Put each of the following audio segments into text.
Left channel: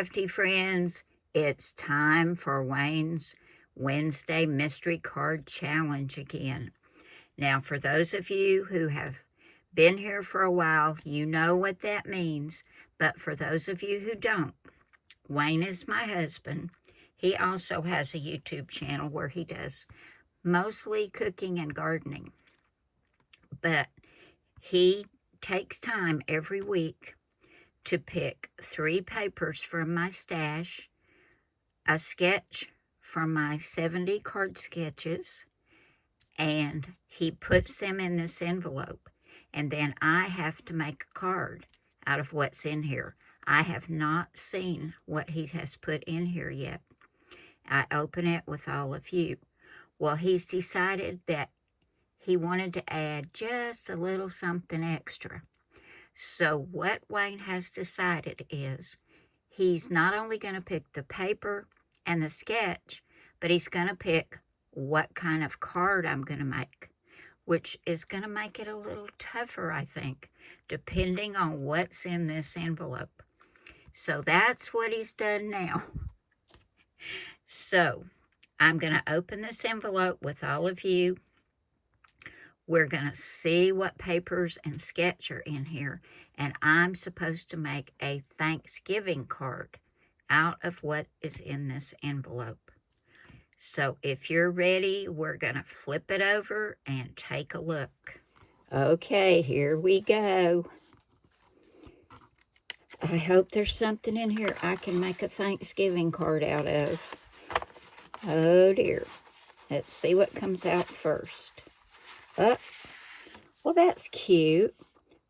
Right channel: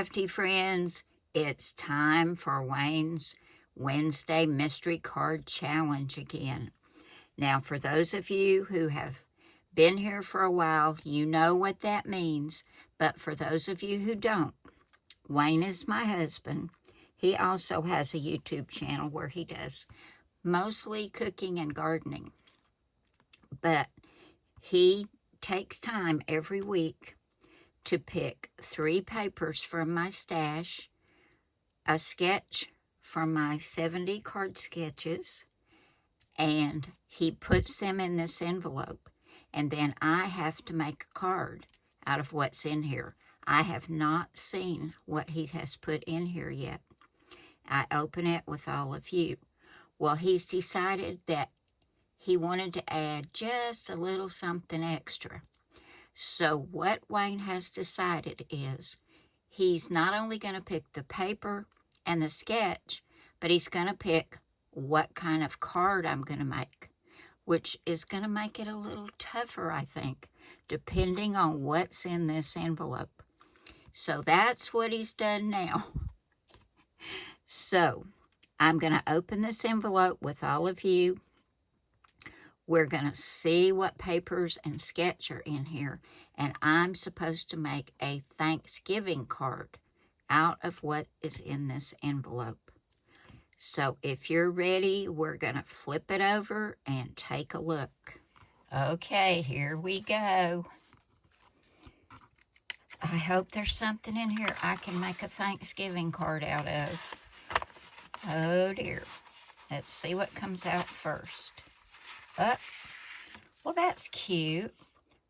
crafty friends, it's time for Wayne's Wednesday Mystery Card Challenge again. Now, for those of you who have been here for a while, you know what that means. But for those of you who don't, Wayne is my husband. He also has a YouTube channel where he does mostly cooking and gardening. But he takes time every week to pick 3 papers from my stash, a sketch from my 70 card sketches, and he puts them in this envelope. And then I have to make a card out of what's in here. I have not seen what he has put in here yet. I open it with all of you. Well, he's decided that he wanted to add just a little something extra. So what Wayne has decided is he's not only going to pick the paper and the sketch, but he's going to pick what kind of card I'm going to make, which is going to make it a little tougher, I think, depending on what's in this envelope. So that's what he's done now. So I'm going to open this envelope with all of you. We're going to see what papers and sketch are in here. And I'm supposed to make a Thanksgiving card out of what is in this envelope. So if you're ready, we're going to flip it over and take a look. Okay, here we go. I hope there's something in here I can make a Thanksgiving card out of. Oh dear. Let's see what comes out first. Oh, well, that's cute.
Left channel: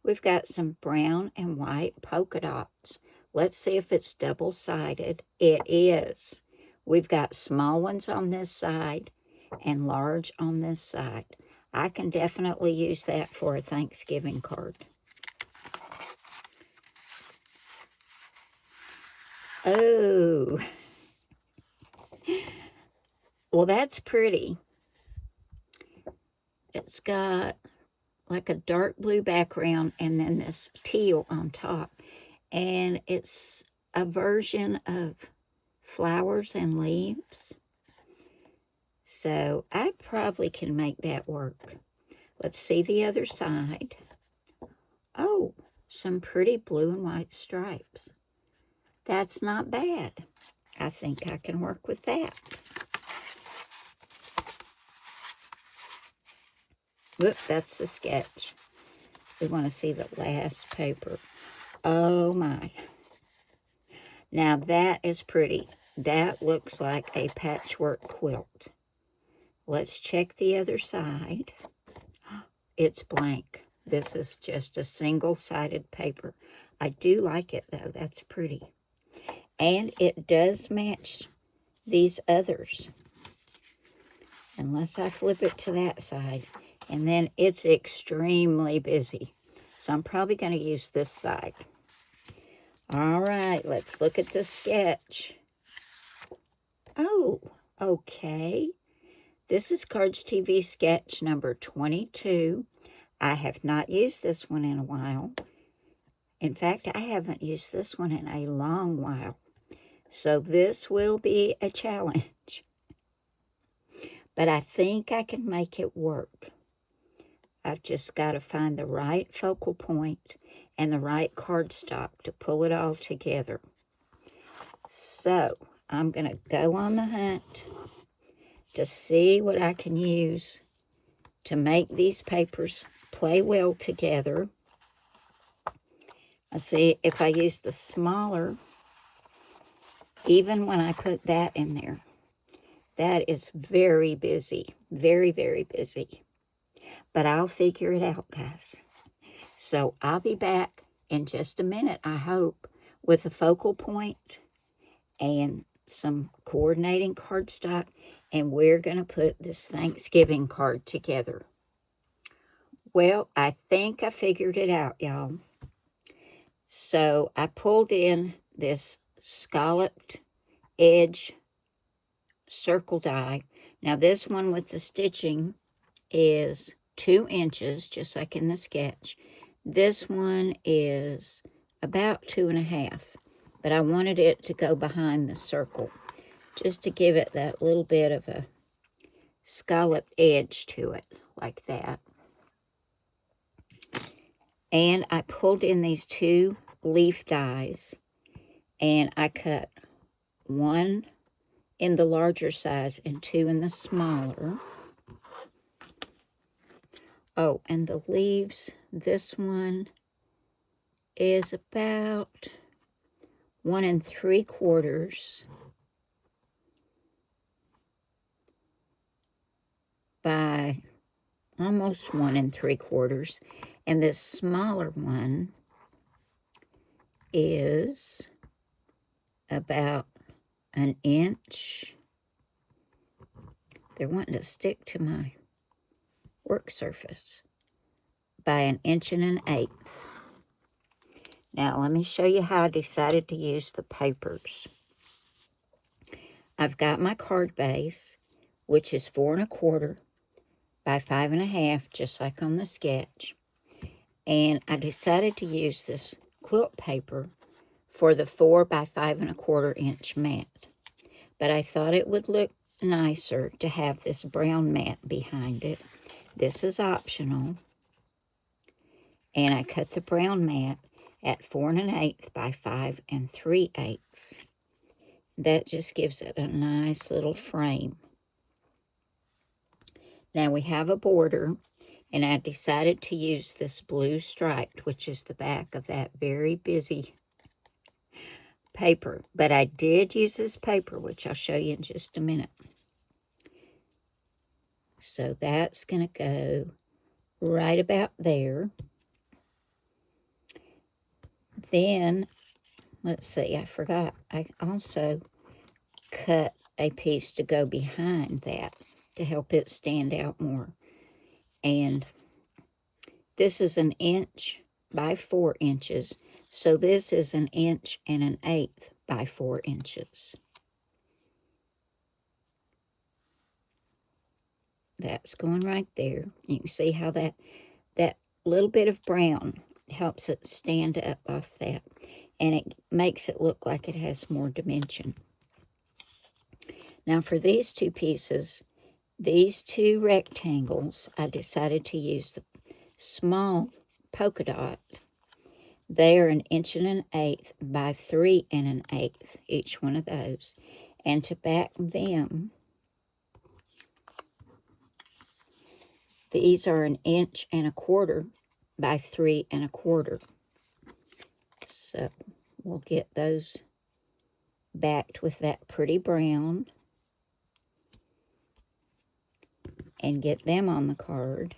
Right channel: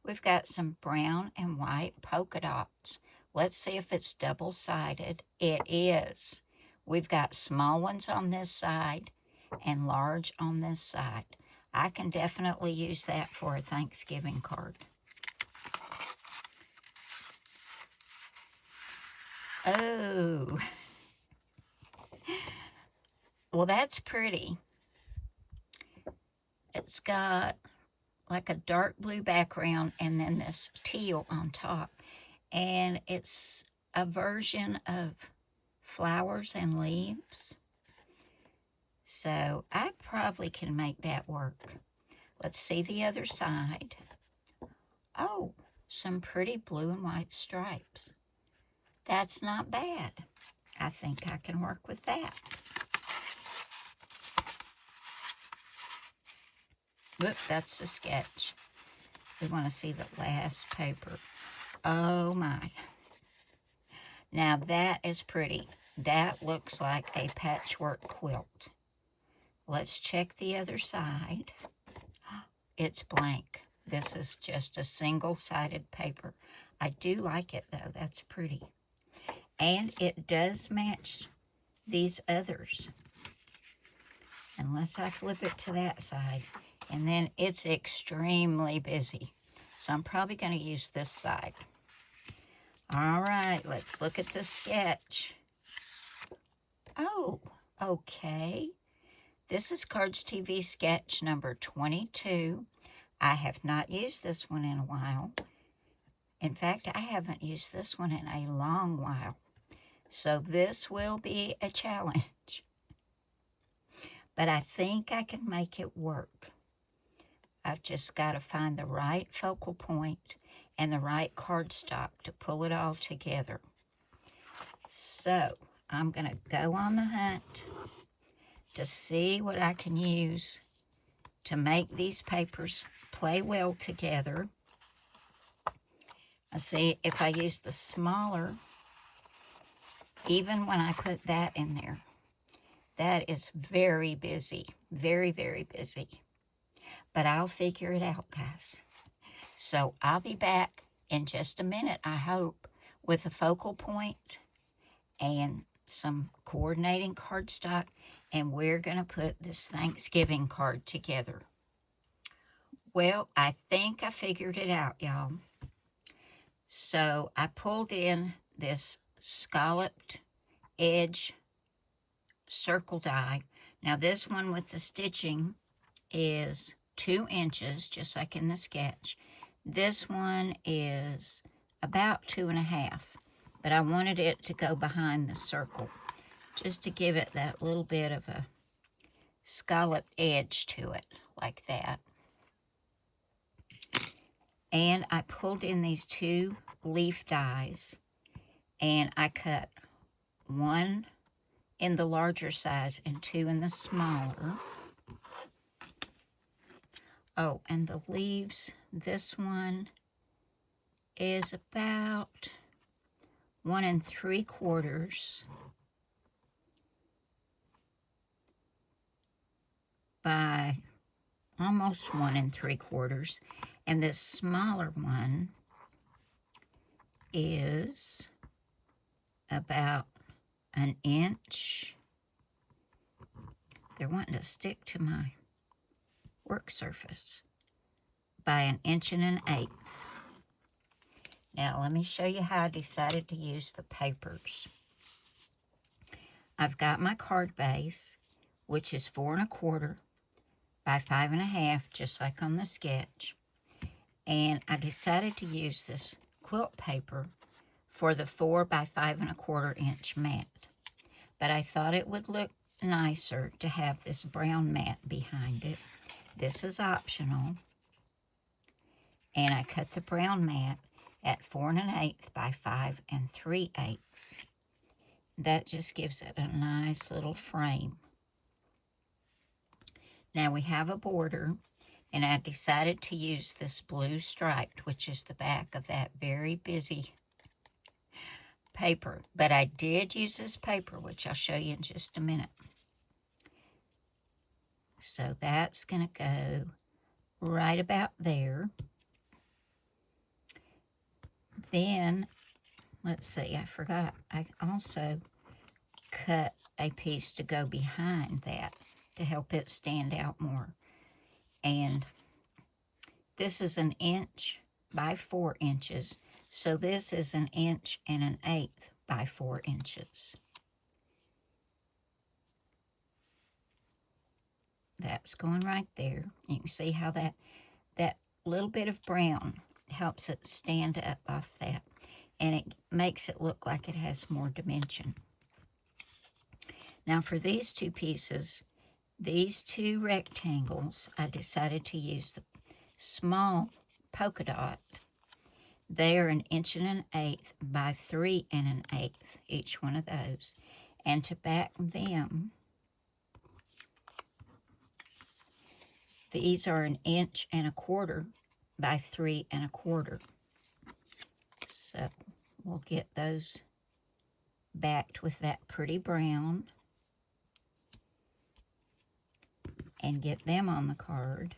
We've got some brown and white polka dots. Let's see if it's double-sided. It is. We've got small ones on this side and large on this side. I can definitely use that for a Thanksgiving card. Oh. Well, that's pretty. It's got like a dark blue background and then this teal on top. And it's a version of flowers and leaves. So I probably can make that work. Let's see the other side. Oh, some pretty blue and white stripes. That's not bad. I think I can work with that. Look, that's the sketch. We want to see the last paper. Oh my. Now that is pretty. That looks like a patchwork quilt. Let's check the other side. It's blank. This is just a single-sided paper. I do like it though. That's pretty. And it does match these others. Unless I flip it to that side. And then it's extremely busy. So I'm probably going to use this side. All right, let's look at the sketch. Oh, okay. This is Cardz TV sketch number 22. I have not used this one in a while. In fact, I haven't used this one in a long while. So this will be a challenge. But I think I can make it work. I've just got to find the right focal point and the right cardstock to pull it all together. So I'm going to go on the hunt to see what I can use to make these papers play well together. I see if I use the smaller, even when I put that in there, that is very busy, very, very busy. But I'll figure it out, guys. So I'll be back in just a minute, I hope, with a focal point and some coordinating cardstock, and we're going to put this Thanksgiving card together. Well, I think I figured it out, y'all. So I pulled in this scalloped edge circle die. Now this one with the stitching is 2 inches, just like in the sketch. This one is about 2.5. but I wanted it to go behind the circle, just to give it that little bit of a scalloped edge to it, like that. And I pulled in these 2 leaf dies, and I cut 1 in the larger size and 2 in the smaller. Oh, and the leaves, this one is about 1 3/4 by almost 1 3/4, and this smaller one is about 1 inch. They're wanting to stick to my work surface, by 1 1/8 inches. Now let me show you how I decided to use the papers. I've got my card base, which is 4 1/4 by 5 1/2, just like on the sketch. And I decided to use this quilt paper for the 4 by 5 1/4 inch mat. But I thought it would look nicer to have this brown mat behind it. This is optional. And I cut the brown mat at 4 1/8 by 5 3/8. That just gives it a nice little frame. Now we have a border, and I decided to use this blue striped, which is the back of that very busy paper. But I did use this paper, which I'll show you in just a minute. So that's going to go right about there. Then, let's see, I forgot. I also cut a piece to go behind that to help it stand out more. And this is 1 inch by 4 inches. So this is 1 1/8 inches by 4 inches. That's going right there. You can see how that little bit of brown helps it stand up off that. And it makes it look like it has more dimension. Now for these 2 pieces, these 2 rectangles, I decided to use the small polka dot. They are 1 1/8 inches by 3 1/8 inches, each one of those. And to back them, these are 1 1/4 inches by 3 1/4 inches. So we'll get those backed with that pretty brown and get them on the card.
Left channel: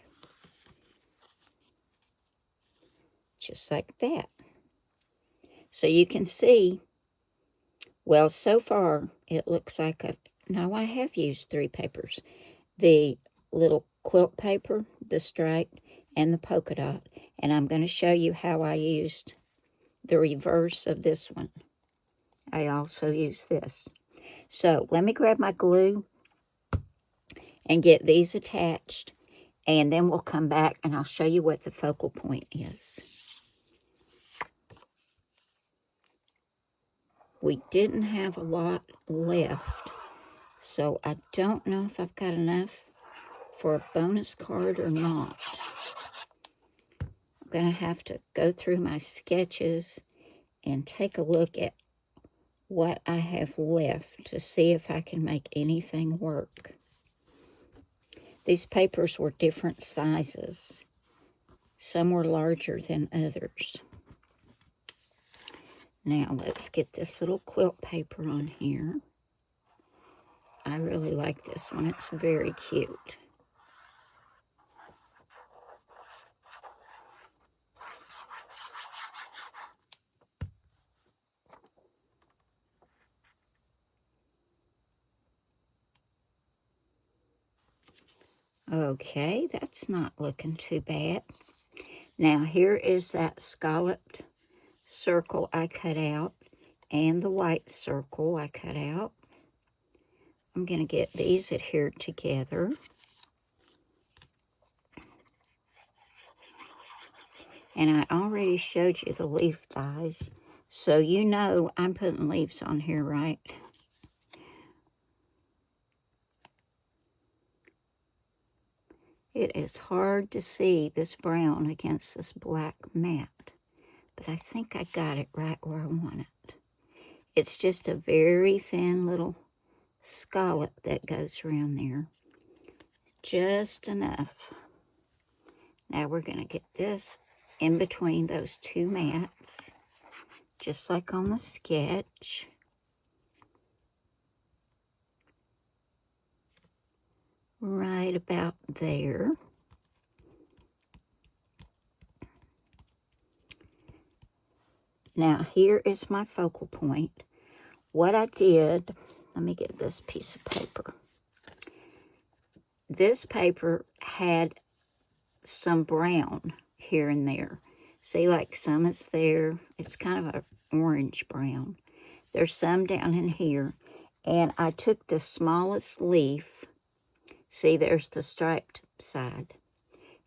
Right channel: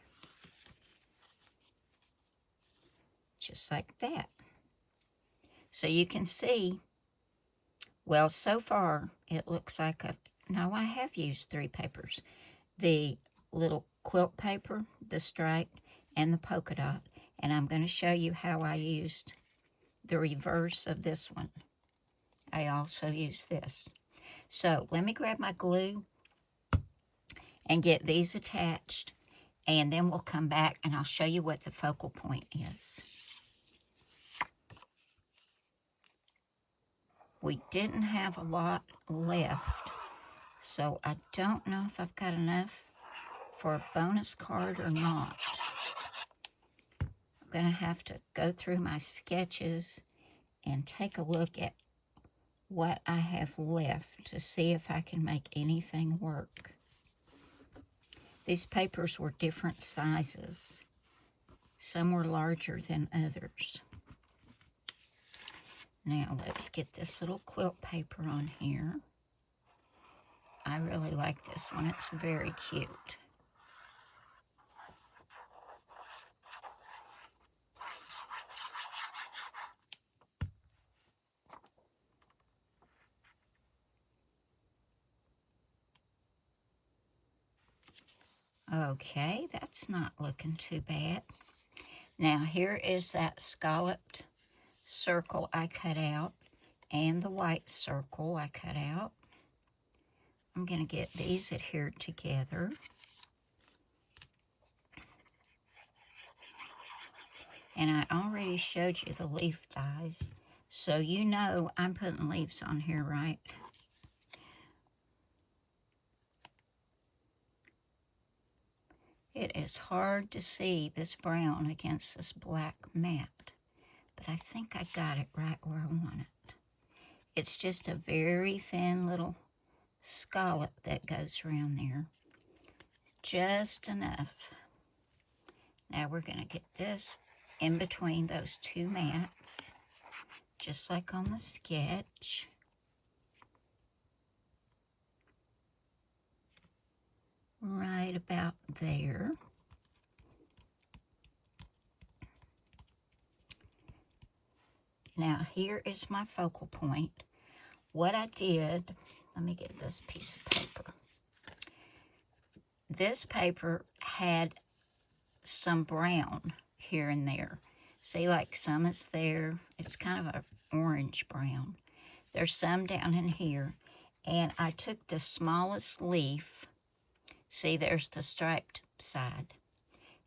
Just like that. So you can see, well, so far it looks like no, I have used 3 papers. The little quilt paper, the striped, and the polka dot. And I'm going to show you how I used the reverse of this one. I also used this. So let me grab my glue and get these attached, and then we'll come back and I'll show you what the focal point is. We didn't have a lot left, so I don't know if I've got enough for a bonus card or not. I'm going to have to go through my sketches and take a look at what I have left to see if I can make anything work. These papers were different sizes. Some were larger than others. Now let's get this little quilt paper on here. I really like this one. It's very cute. Okay, that's not looking too bad. Now here is that scalloped circle I cut out and the white circle I cut out. I'm going to get these adhered together. And I already showed you the leaf dies, So you know I'm putting leaves on here, right? It is hard to see this brown against this black matte, but I think I got it right where I want it. It's just a very thin little scallop that goes around there. Just enough. Now we're going to get this in between those two mats, just like on the sketch. Right about there. Now here is my focal point. What I did, let me get this piece of paper. This paper had some brown here and there. See, like some is there. It's kind of an orange brown. There's some down in here. And I took the smallest leaf. See, there's the striped side.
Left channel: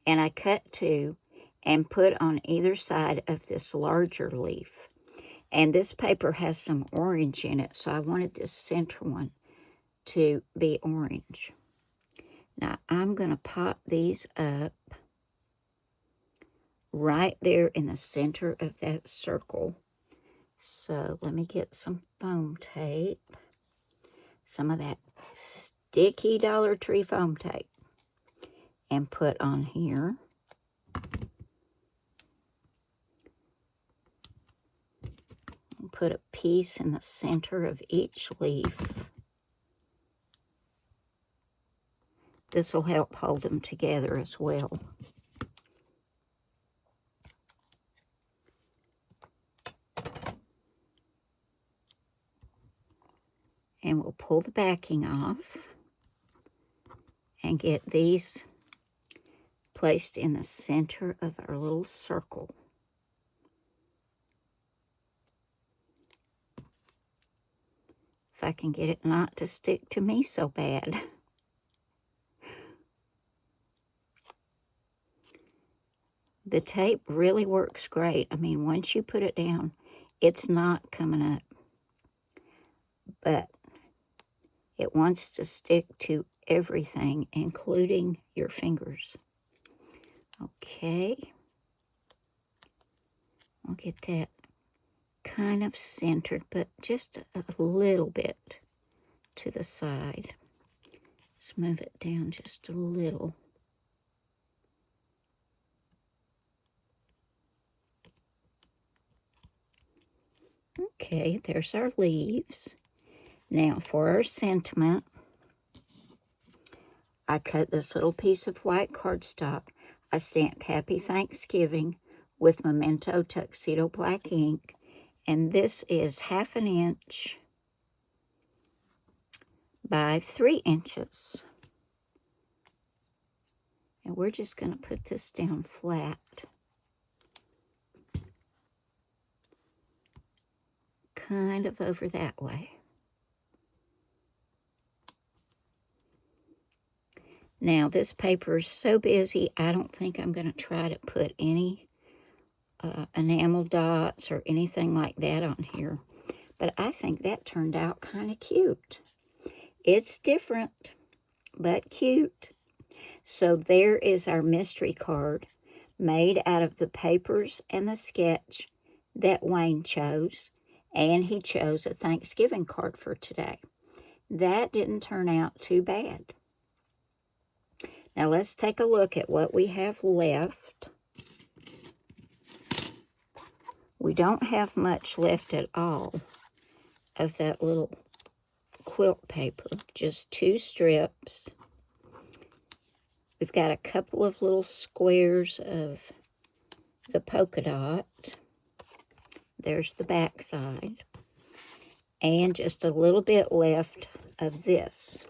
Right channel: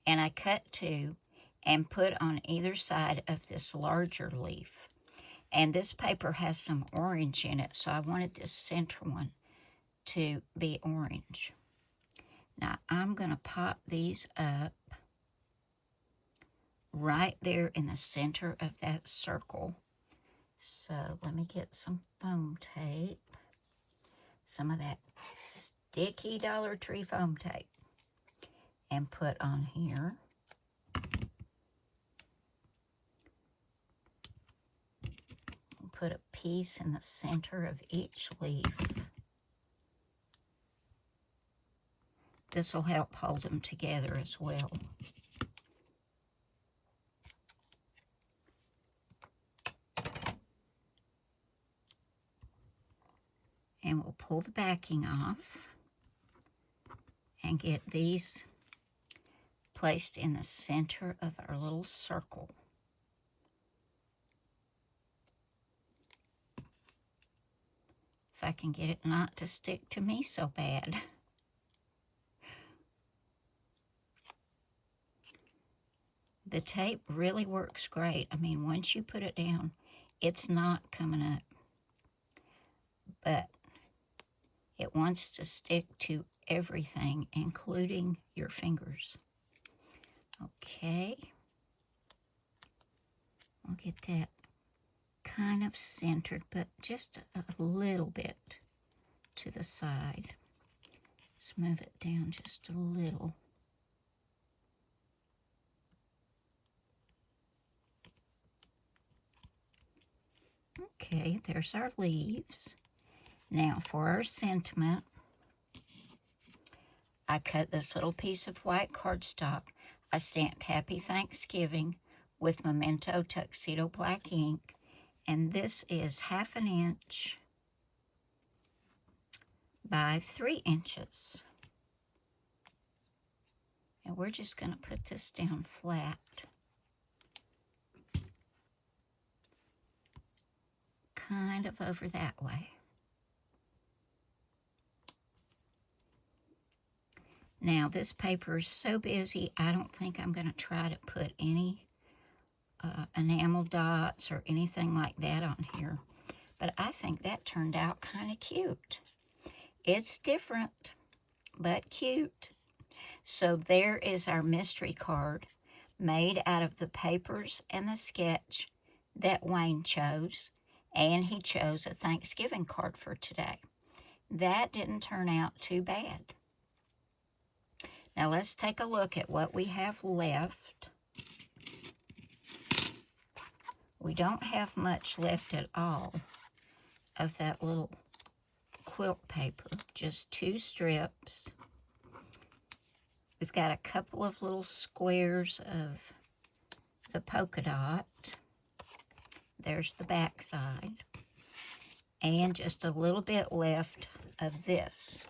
And I cut two and put on either side of this larger leaf. And this paper has some orange in it, so I wanted this center one to be orange. Now, I'm going to pop these up right there in the center of that circle. So let me get some foam tape. Some of that sticky Dollar Tree foam tape. And put on here. Put a piece in the center of each leaf. This will help hold them together as well. And we'll pull the backing off and get these placed in the center of our little circle. If I can get it not to stick to me so bad. The tape really works great. I mean, once you put it down, it's not coming up. But it wants to stick to everything, including your fingers. Okay. I'll get that kind of centered, but just a little bit to the side. Let's move it down just a little. Okay, there's our leaves. Now for our sentiment, I cut this little piece of white cardstock. I stamped Happy Thanksgiving with Memento Tuxedo Black ink. And this is 1/2 inch by 3 inches. And we're just going to put this down flat. Kind of over that way. Now, this paper is so busy, I don't think I'm going to try to put any enamel dots or anything like that on here. But I think that turned out kind of cute. It's different, but cute. So there is our mystery card made out of the papers and the sketch that Wayne chose. And he chose a Thanksgiving card for today. That didn't turn out too bad. Now let's take a look at what we have left. We don't have much left at all of that little quilt paper. Just 2 strips. We've got a couple of little squares of the polka dot. There's the back side. And just a little bit left of this.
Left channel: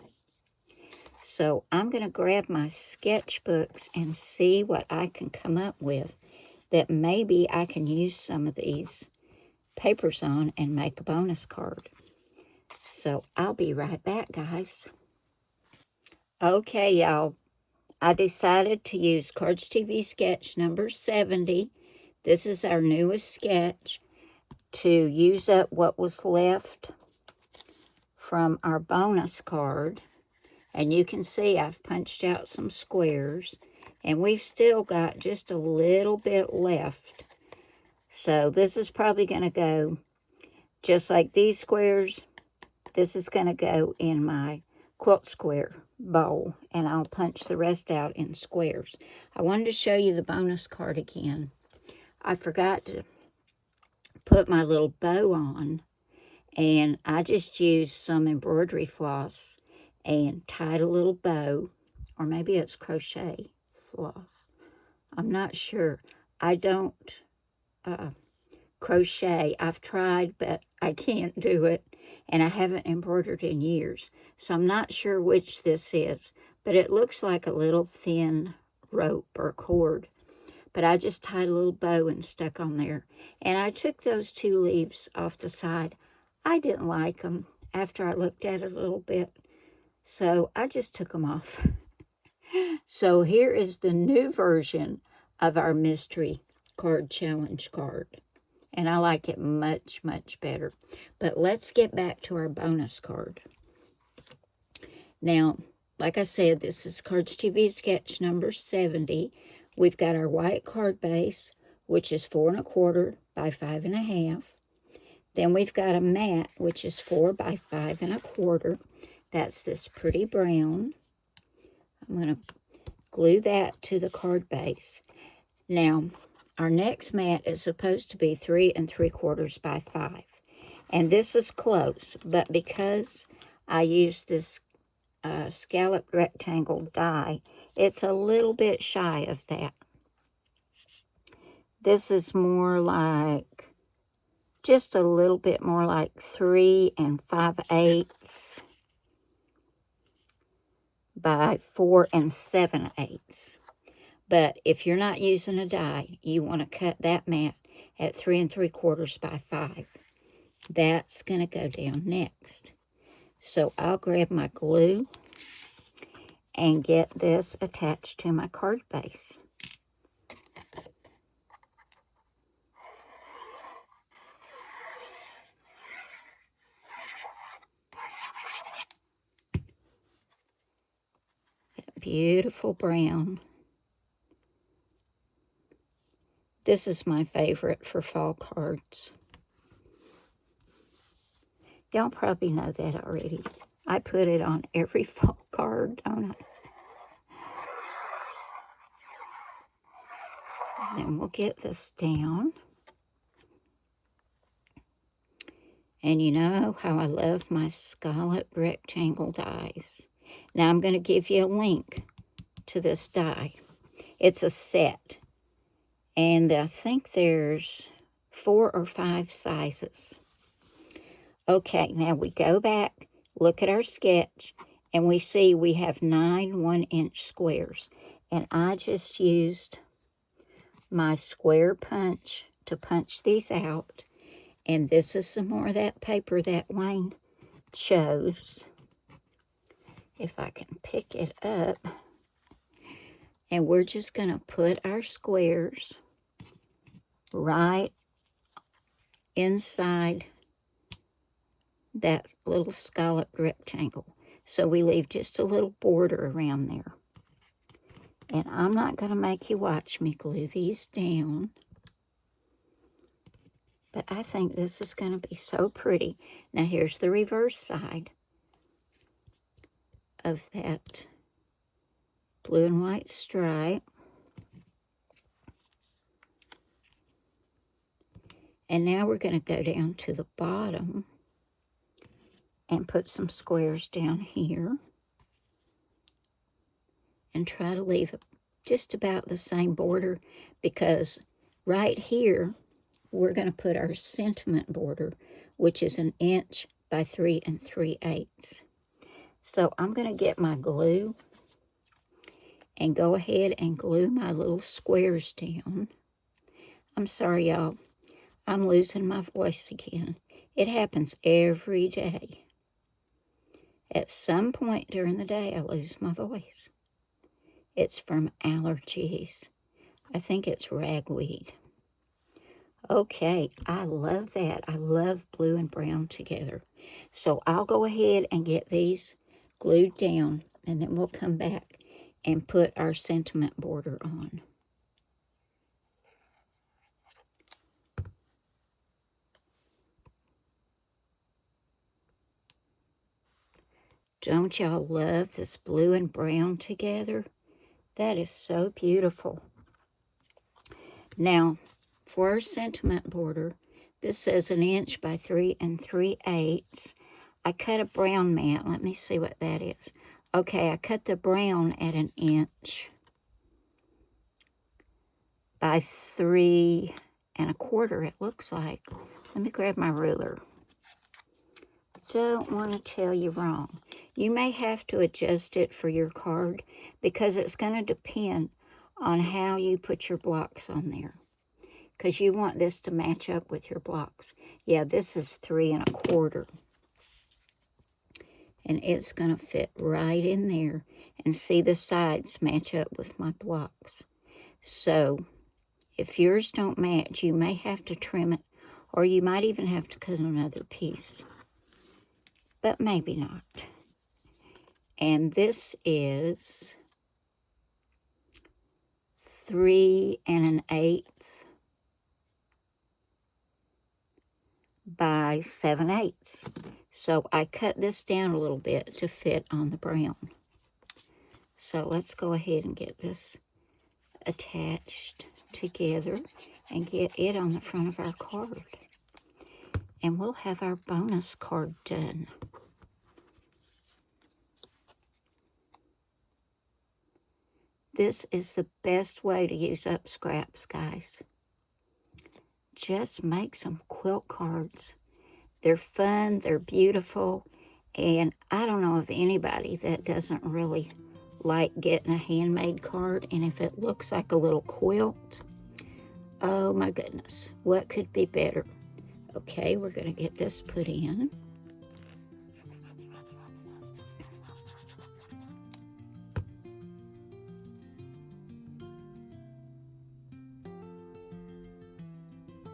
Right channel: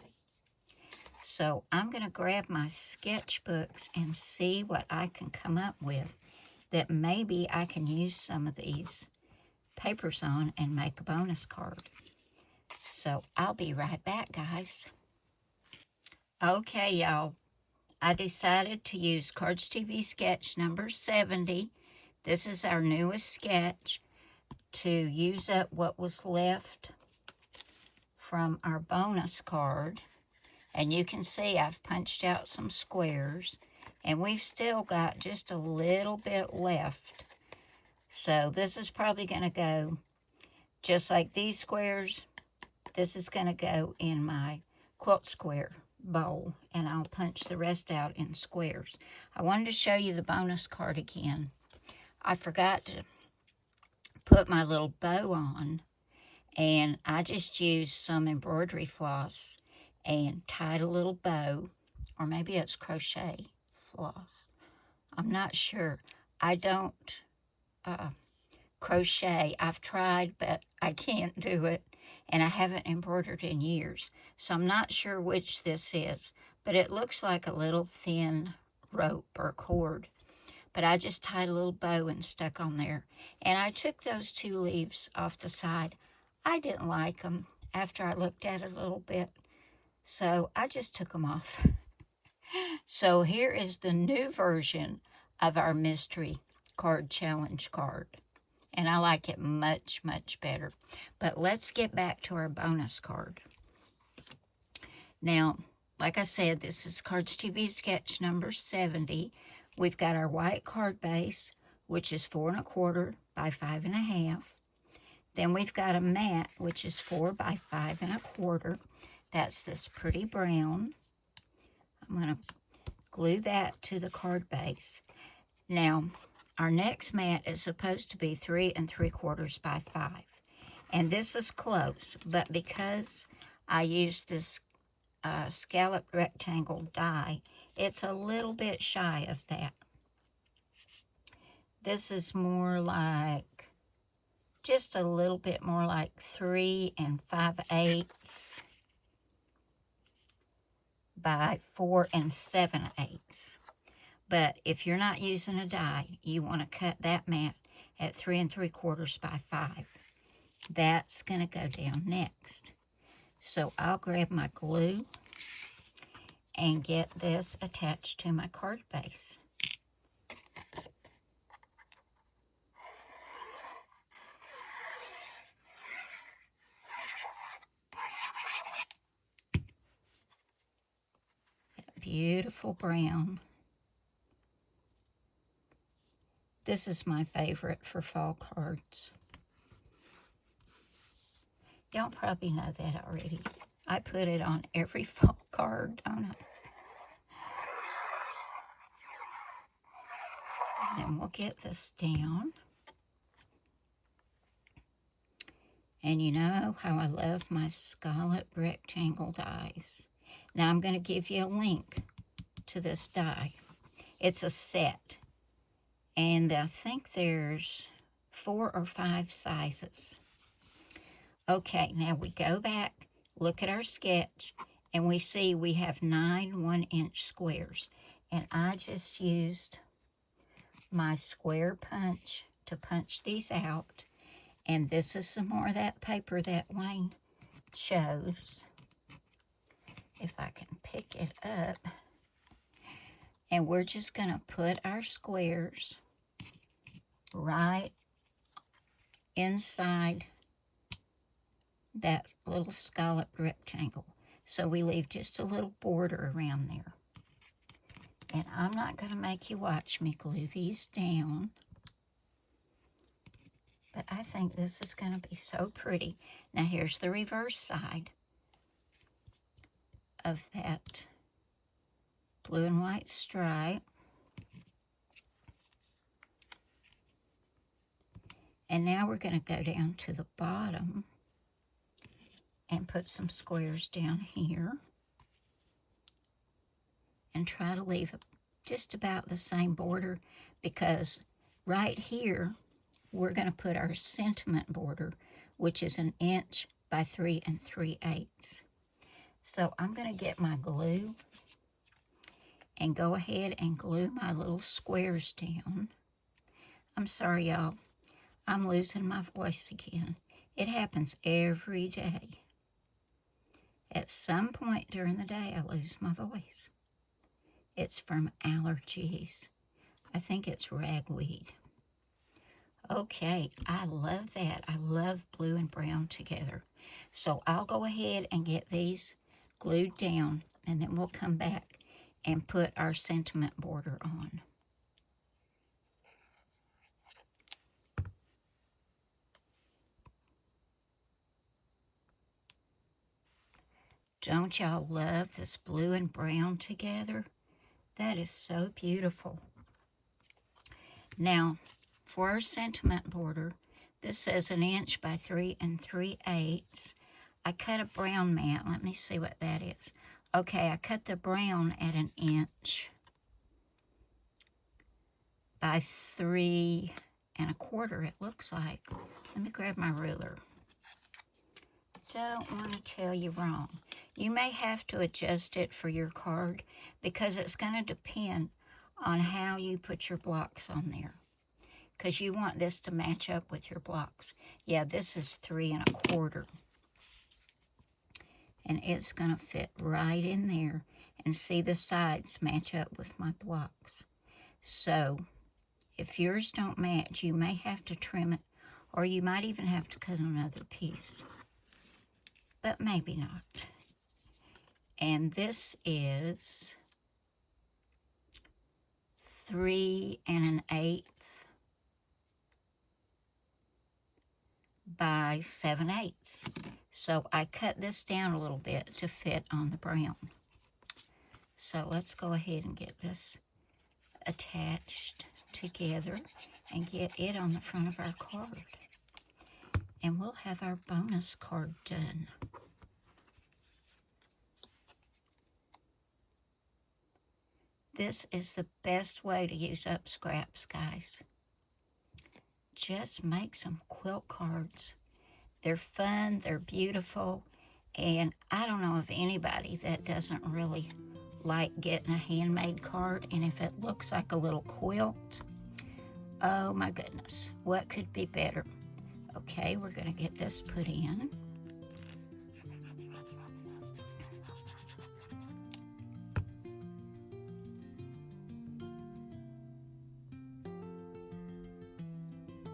So I'm going to grab my sketchbooks and see what I can come up with that maybe I can use some of these papers on and make a bonus card. So I'll be right back, guys. Okay, y'all. I decided to use Cardz TV sketch number 70. This is our newest sketch to use up what was left from our bonus card. And you can see I've punched out some squares, and we've still got just a little bit left. So this is probably going to go just like these squares. This is going to go in my quilt square bowl, and I'll punch the rest out in squares. I wanted to show you the bonus card again. I forgot to put my little bow on, and I just used some embroidery floss and tied a little bow, or maybe it's crochet floss. I'm not sure. I don't crochet. I've tried, but I can't do it, and I haven't embroidered in years. So I'm not sure which this is, but it looks like a little thin rope or cord. But I just tied a little bow and stuck on there. And I took those 2 leaves off the side. I didn't like them after I looked at it a little bit, so I just took them off. So here is the new version of our mystery card challenge card. And I like it much, much better. But let's get back to our bonus card. Now, like I said, this is Cardz TV Sketch number 70. We've got our white card base, which is 4 1/4 by 5 1/2. Then we've got a mat, which is 4 by 5 1/4. That's this pretty brown. I'm going to glue that to the card base. Now, our next mat is supposed to be 3 3/4 by 5. And this is close, but because I used this scalloped rectangle die, it's a little bit shy of that. This is more like, just a little bit more like 3 5/8 by 4 7/8. But if you're not using a die, you want to cut that mat at 3 3/4 by 5. That's going to go down next. So I'll grab my glue and get this attached to my card base. That beautiful brown. This is my favorite for fall cards. Y'all probably know that already. I put it on every fall card, don't I? And we'll get this down. And you know how I love my scalloped rectangle dies. Now I'm going to give you a link to this die. It's a set. And I think there's 4 or 5 sizes. Okay, now we go back, look at our sketch, and we see we have 9 1-inch squares. And I just used my square punch to punch these out. And this is some more of that paper that Wayne chose. If I can pick it up. And we're just going to put our squares right inside that little scalloped rectangle. So we leave just a little border around there. And I'm not going to make you watch me glue these down. But I think this is going to be so pretty. Now here's the reverse side of that blue and white stripe. And now we're going to go down to the bottom and put some squares down here. And try to leave just about the same border, because right here we're going to put our sentiment border, which is 1 inch by 3 3/8. So I'm going to get my glue and go ahead and glue my little squares down. I'm sorry, y'all. I'm losing my voice again. It happens every day. At some point during the day, I lose my voice. It's from allergies. I think it's ragweed. Okay, I love that. I love blue and brown together. So I'll go ahead and get these glued down, and then we'll come back and put our sentiment border on. Don't y'all love this blue and brown together? That is so beautiful. Now, for our sentiment border, this says 1 inch by 3 3/8. I cut a brown mat. Let me see what that is. Okay, I cut the brown at 1 inch by 3 1/4, it looks like. Let me grab my ruler. Don't want to tell you wrong. You may have to adjust it for your card because it's going to depend on how you put your blocks on there, because you want this to match up with your blocks. Yeah, this is 3 1/4, and it's going to fit right in there, and see the sides match up with my blocks. So if yours don't match, you may have to trim it, or you might even have to cut another piece, but maybe not. And this is 3 1/8 by 7/8. So I cut this down a little bit to fit on the brown. So let's go ahead and get this attached together and get it on the front of our card. And we'll have our bonus card done. This is the best way to use up scraps, guys. Just make some quilt cards. They're fun, they're beautiful, and I don't know of anybody that doesn't really like getting a handmade card. And if it looks like a little quilt, oh my goodness, what could be better? Okay, we're going to get this put in.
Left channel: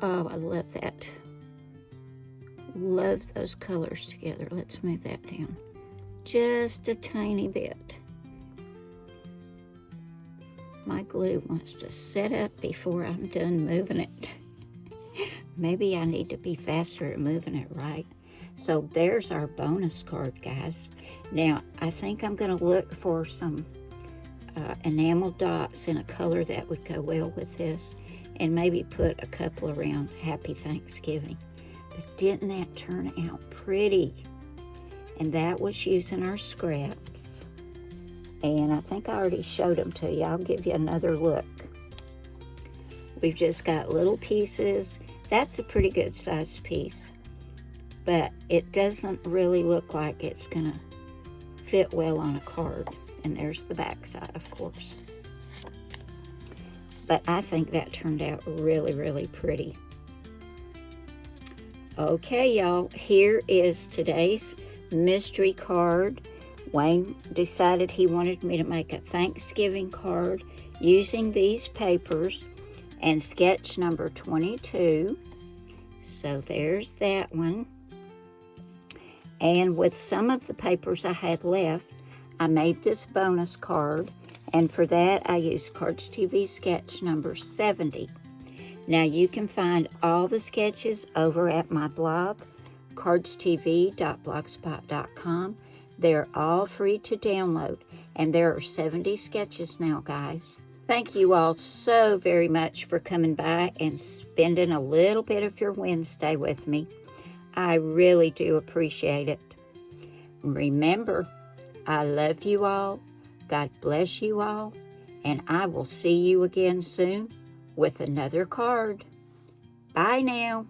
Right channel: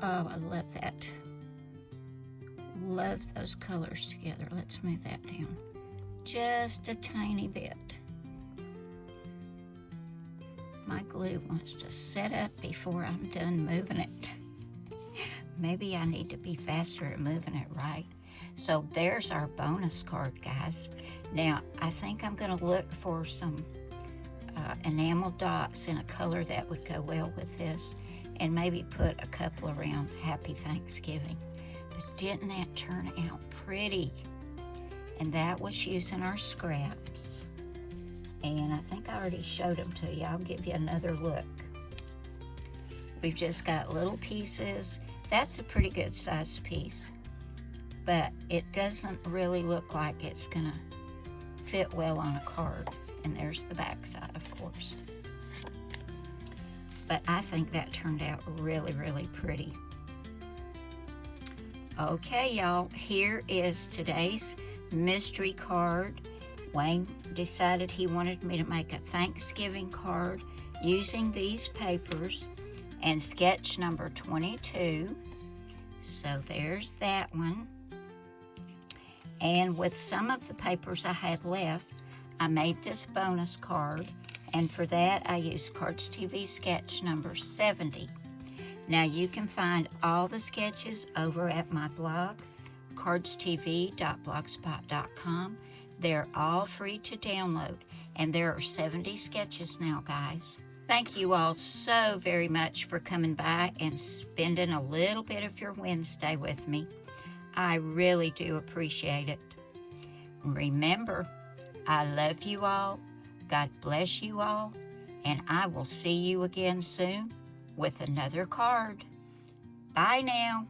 Oh, I love that. Love those colors together. Let's move that down just a tiny bit. My glue wants to set up before I'm done moving it. Maybe I need to be faster at moving it, right? So there's our bonus card, guys. Now, I think I'm going to look for some enamel dots in a color that would go well with this, and maybe put a couple around Happy Thanksgiving. But didn't that turn out pretty? And that was using our scraps. And I think I already showed them to you. I'll give you another look. We've just got little pieces. That's a pretty good sized piece, but it doesn't really look like it's gonna fit well on a card. And there's the back side, of course. But I think that turned out really, really pretty. Okay, y'all, here is today's mystery card. Wayne decided he wanted me to make a Thanksgiving card using these papers and sketch number 22. So there's that one. And with some of the papers I had left, I made this bonus card, and for that I used Cardz TV sketch number 70. Now you can find all the sketches over at my blog, cardztv.blogspot.com. They're all free to download, and there are 70 sketches now, guys. Thank you all so very much for coming by and spending a little bit of your Wednesday with me. I really do appreciate it. Remember, I love you all, God bless you all, and I will see you again soon with another card. Bye now.